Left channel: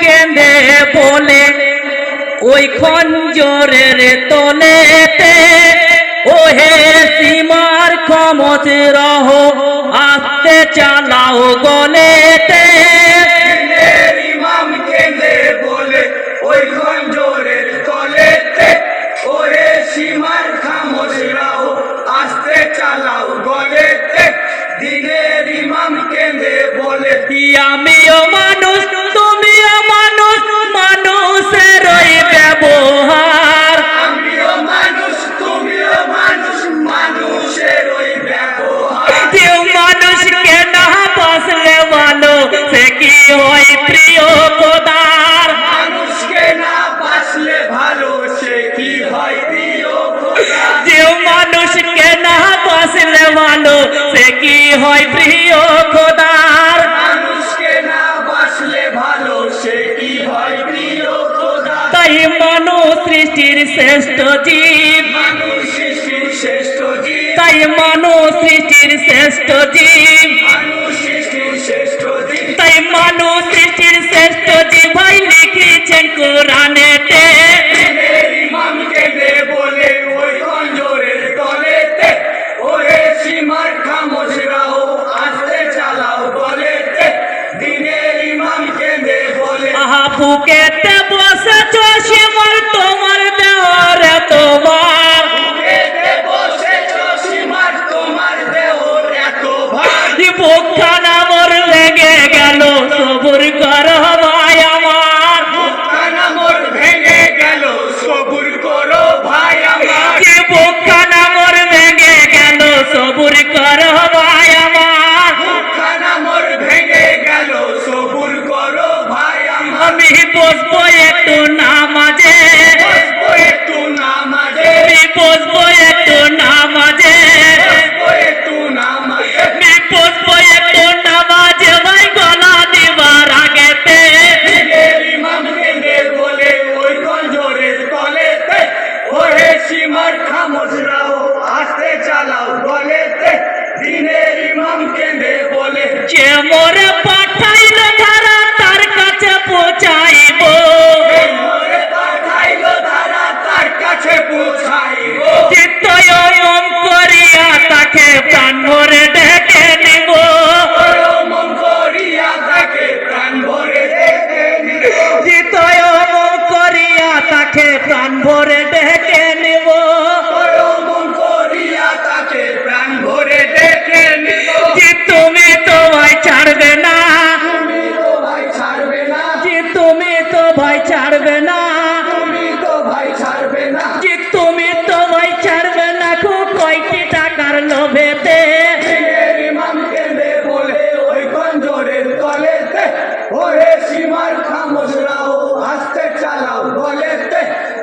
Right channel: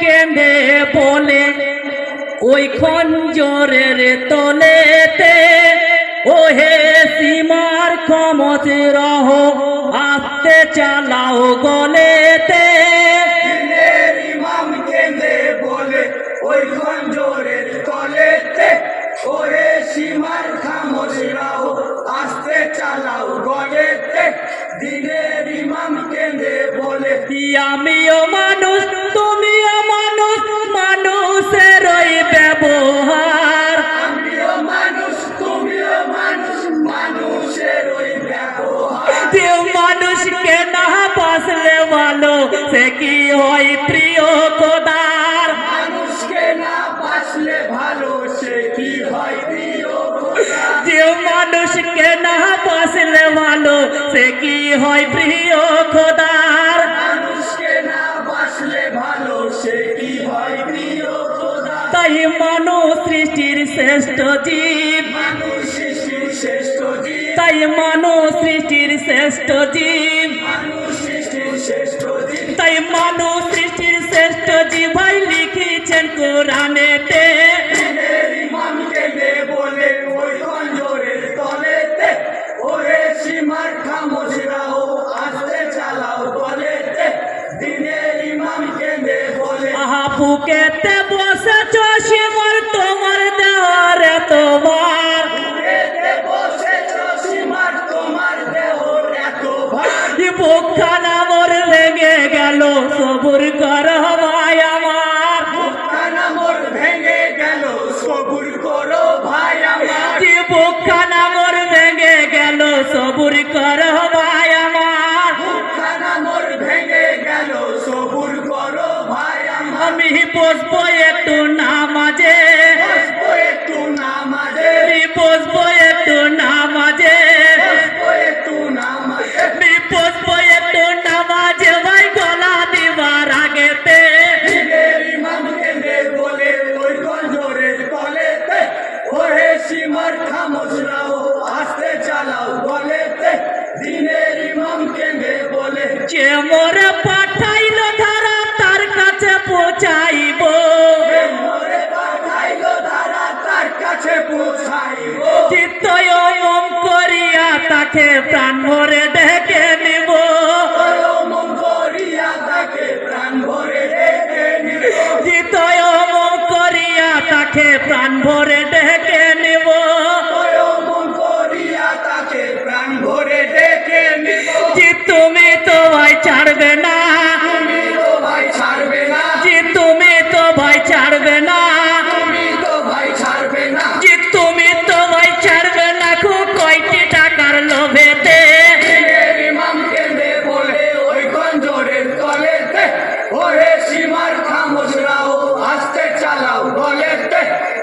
কেঁদে বলে ওই খঞ্জরের তলেতে, ও হে সীমার ক্ষমত রহ আস্তে চালাও গলেতে। ইমাম কেঁদে বলে ওই খঞ্জরের তলেতে, ও হে সীমার খামোশ রাও আস্তে চালাও গলেতে। দিনের ইমাম কেঁদে বলে আমিও মানুষ তুমিও মানুষ, মানুষের ওই ব্যবহার। আমিও মানুষ তুমিও মানুষ, মানুষের ওই ব্যবহার। যে মানুষকে না বাসলে ভালো সে কি হয় প্রিয় খোদার। মানুষকে না বাসলে ভালো সে কি হয় প্রিয় খোদা। যে মানুষকে না বাসলে ভালো সে কি হয় প্রিয় খোদার। মানুষকে না বাসলে ভালো সে কি হয় প্রিয় খোদা। তাই মানুষ সৃষ্টির শ্রেষ্ঠ জীব, মানুষ সৃষ্টির শ্রেষ্ঠ জীব, তাই মানুষ সৃষ্টির শ্রেষ্ঠ জীব, মানুষ সৃষ্টির শ্রেষ্ঠ জীব। তাই মানুষ সৃষ্টির শ্রেষ্ঠ জীব ভাই লিখেছেন কোরআনেতে। দিনের ইমাম কেঁদে বলে ওই খঞ্জরের তলেতে, ও হে সীমার খামোশ রাও আস্তে চালাও গলেতে। দিনের ইমাম কেঁদে বলে আহা বুকেতে বসেছ সীমার তোমার দেওয়ার তোমার। বুকেতে বসেছ সীমার তোমার দেহর এত ভার। বুকখানা মোর ভেঙে গেল সবুর কর ভাই আমার। বুকখানা মোর ভেঙে গেল সবুর করো ভাই আমার। বুকখানা মোর ভেঙে গেল সবুর কর ভাই আমার। বুকখানা মোর ভেঙে গেল সবুর করো ভাই আমার। আমি বসবো একটু নামাজে, বসবো একটু নামাজে, আমি বসবো একটু নামাজে, বসবো একটু নামাজে। আমি বসবো একটু নামাজে ভাই গলা দিবার আগেতে। দিনের ইমাম কেঁদে বলে ওই খঞ্জরের তলেতে, ও হে সীমার খামোশ রাও আস্তে চালাও গলেতে। দিনের ইমাম কেঁদে বলে যে মোর পাঠাইল ধারা তার কাছে পৌঁছাইব, মোরে পাঠাইলো ধারা তার কাছে পৌঁছাইব। চিত্তয় ওম করিয়া তাকে প্রাণ ভরে ডেকে নিব। মন করিয়া তাকে প্রাণ ভরে দেখে নিব। চিত্তয় ওম করিয়া তাকে প্রাণ ভরে ডেকে নিব। মন করিয়া তাকে প্রাণ ভরে দেখে নিব। যে তুমি তো ভাই ছাড়বে না, তুমি তো ভাই ছাড়বে না, যে তুমি তো ভাই ছাড়বে না, তুমি তো ভাই ছাড়বে না। যে তুমি তো ভাই ছাড়বে না। খুব কয়টি টাকার লোভেতে, দিনের ইমাম কেঁদে বলে ওই খঞ্জরের তলেতে, ও হে সীমার খামোশ রাও আস্তে চালাও গলেতে।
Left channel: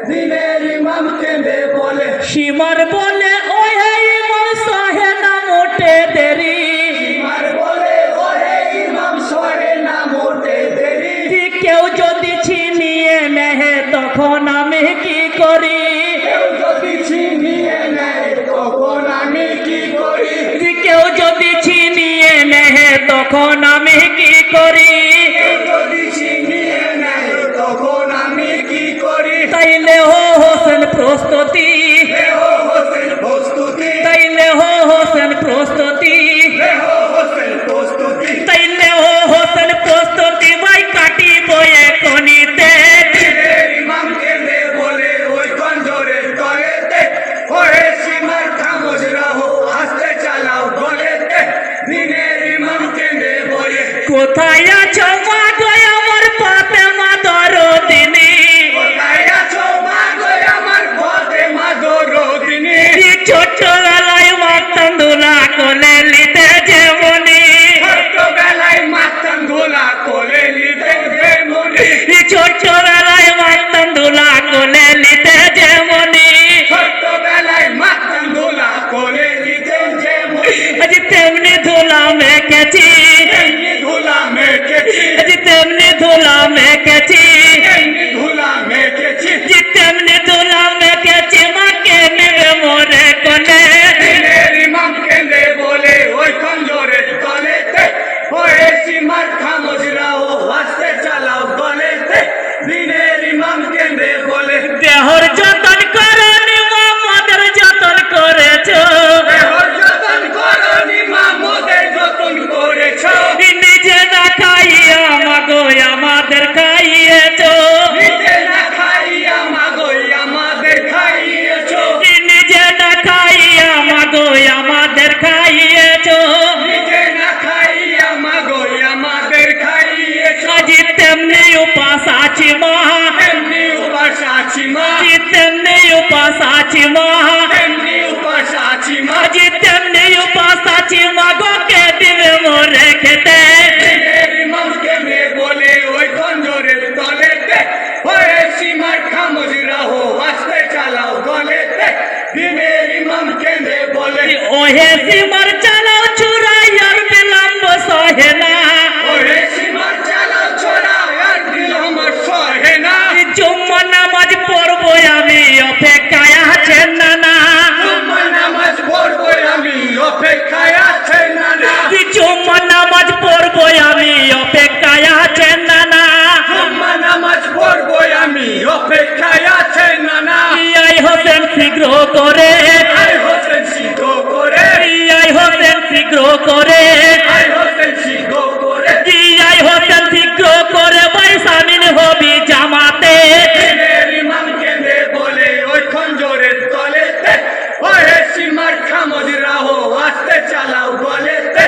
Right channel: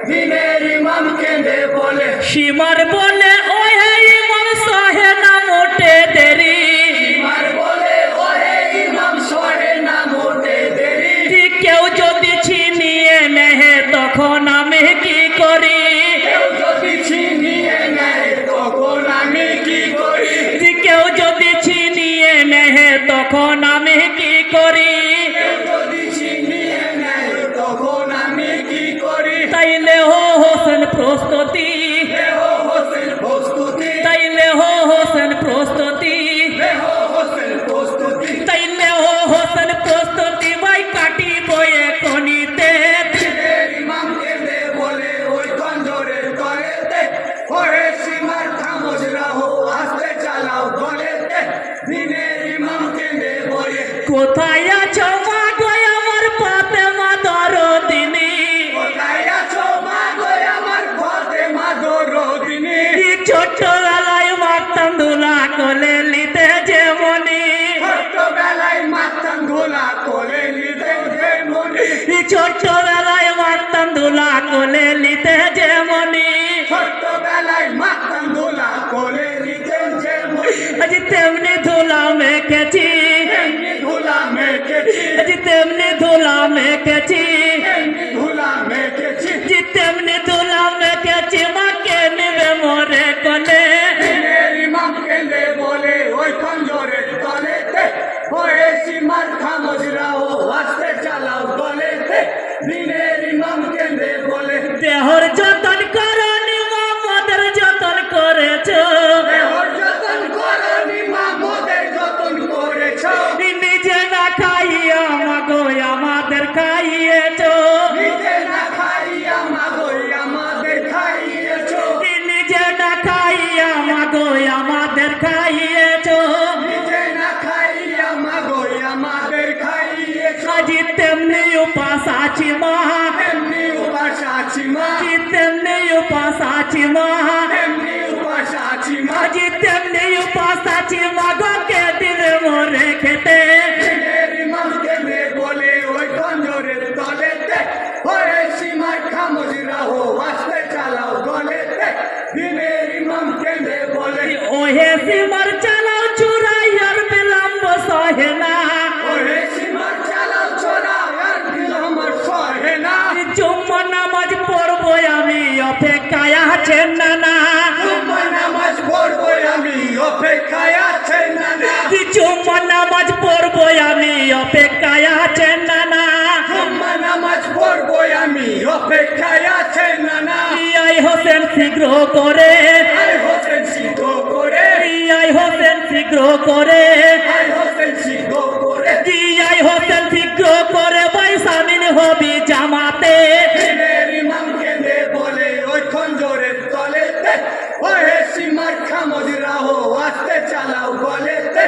দিনের ইমাম কেঁদে বলে সীমার বলে ওই ইমাম সহে না মোটে দেরি। সীমার বলে ও হে ইমাম সরে না মোটে দেরি। যে কেউ যদি ছিনিয়ে নেহে তখন আমি কি করি, কেউ যদি ছিনিয়ে নেয় তখন আমি কি করি। যে কেউ যদি ছিনিয়ে নেহে তখন আমি কি করি। কেউ যদি ছিনিয়ে নেয় তখন আমি কি করি। তাইলে হো হোসেন প্রস্তুতি, দেহ হোসেন প্রস্তুতি, তাইলে হো হোসেন প্রস্তুতি, দেহ হোসেন প্রস্তুতি। তাইলে হো হোসেন প্রস্তুতি ভাই কাটিব এখনিতে। দিনের ইমাম কেঁদে বলে ওই খঞ্জরের তলেতে, ও হে সীমার খামোশ রাও আস্তে চালাও গলেতে। দিনের ইমাম কেঁদে বলে কোথায় আছো মা গো আমার ফাতেমা দরদিনী। কোথায় আছো মা গো আমার ফাতেমা দরদিনী। ছোটবেলায় মাতান ধুলা কোলে নিতে যেমনি, ছোটবেলায় মাতান ধুলা কোলে নিতে যেমনি, ছোটবেলায় মাতান ধুলা কোলে নিতে যেমনি, ছোটবেলায় মাতান ধুলা কোলে নিতে যেমনি, আজ তেমনি ধুলা মেখেছি, তেমনি ধুলা মেখেছি, আজ তেমনি ধুলা মেখেছি, তেমনি ধুলা মেখেছি। যে তেমনি ধুলা মেখেছি মাকে নেবে মোরে কোলে। দিনের ইমাম কেঁদে বলে ওই খঞ্জরের তলেতে, ও হে সীমার খামোশ রাও আস্তে চালাও গলে। খাইয়েছো নিজে না খাইয়া মাগো আমাদের খাইয়েছো আজি তেমনি উপাস আছি মা তেমনি উপাস আছি মা আজি তেমনি উপাস আছি মা তেমনি উপাস আছি মা আজি তেমনি উপাস আছি মা গো কে দিবে মোরে খেতে দিনের ইমামকে নে বলে ওই খঞ্জরের তলেতে ওরে সীমার খামোশ রাহো আস্তে চালাও গলেতে দিনের ইমামকে নে বলে ওহে সীমার চালাও চুরাই আর বিলম্ব সহে না ওরে সীমার চালাও ছোড়া আর দিল আমার সহে না জুম্মা নামাজ পড়বো আমি অপেক্ষায় আছেন না না জুম্মা নামাজ পড়বো আমি অপেক্ষায় আছেন না না জুম্মা নামাজ পড়বো আমি অপেক্ষায় আছেন না না জুম্মা নামাজ পড়বো আমি অপেক্ষায় আছেন না না আই হোসেন শীঘ্র করে আই হোসেন সিদ্ধ করে আই হোসেন শীঘ্র করে আই হোসেন সিদ্ধ করে আই হোসেন শীঘ্র করে ভাই সামিল হবি জামাতে দিনের ইমামকে নে বলে ওই খঞ্জরের তলেতে ওহে সীমার খামোশ রাহো আস্তে চালাও গলেতে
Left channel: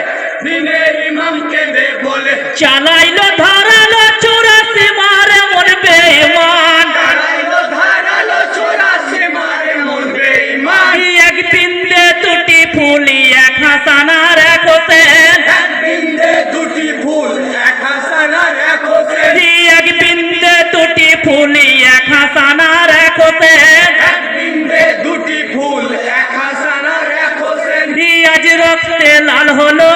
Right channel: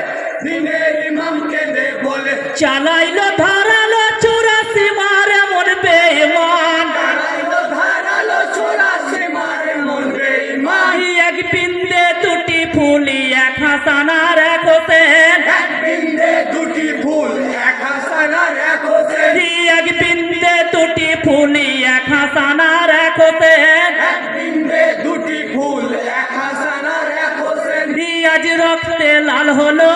দিনের ইমামকে নে বলে চালাইলো ধরালো চোরা সীমার মন বেঈমান দাঁড়াইলো ধারালো ছোড়া সীমার মন বেঈমান এক বিন্দে দুটি ফুলি এক হাসানার এক হোসেন এক বিন্দে দুটি ফুল এক হাসানার এক হোসেন এক বিন্দে দুটি ফুলি এক হাসানার এক হোসেন এক বিন্দে দুটি ফুল এক হাসানার এক হোসেন আজ রক্তে লাল হলো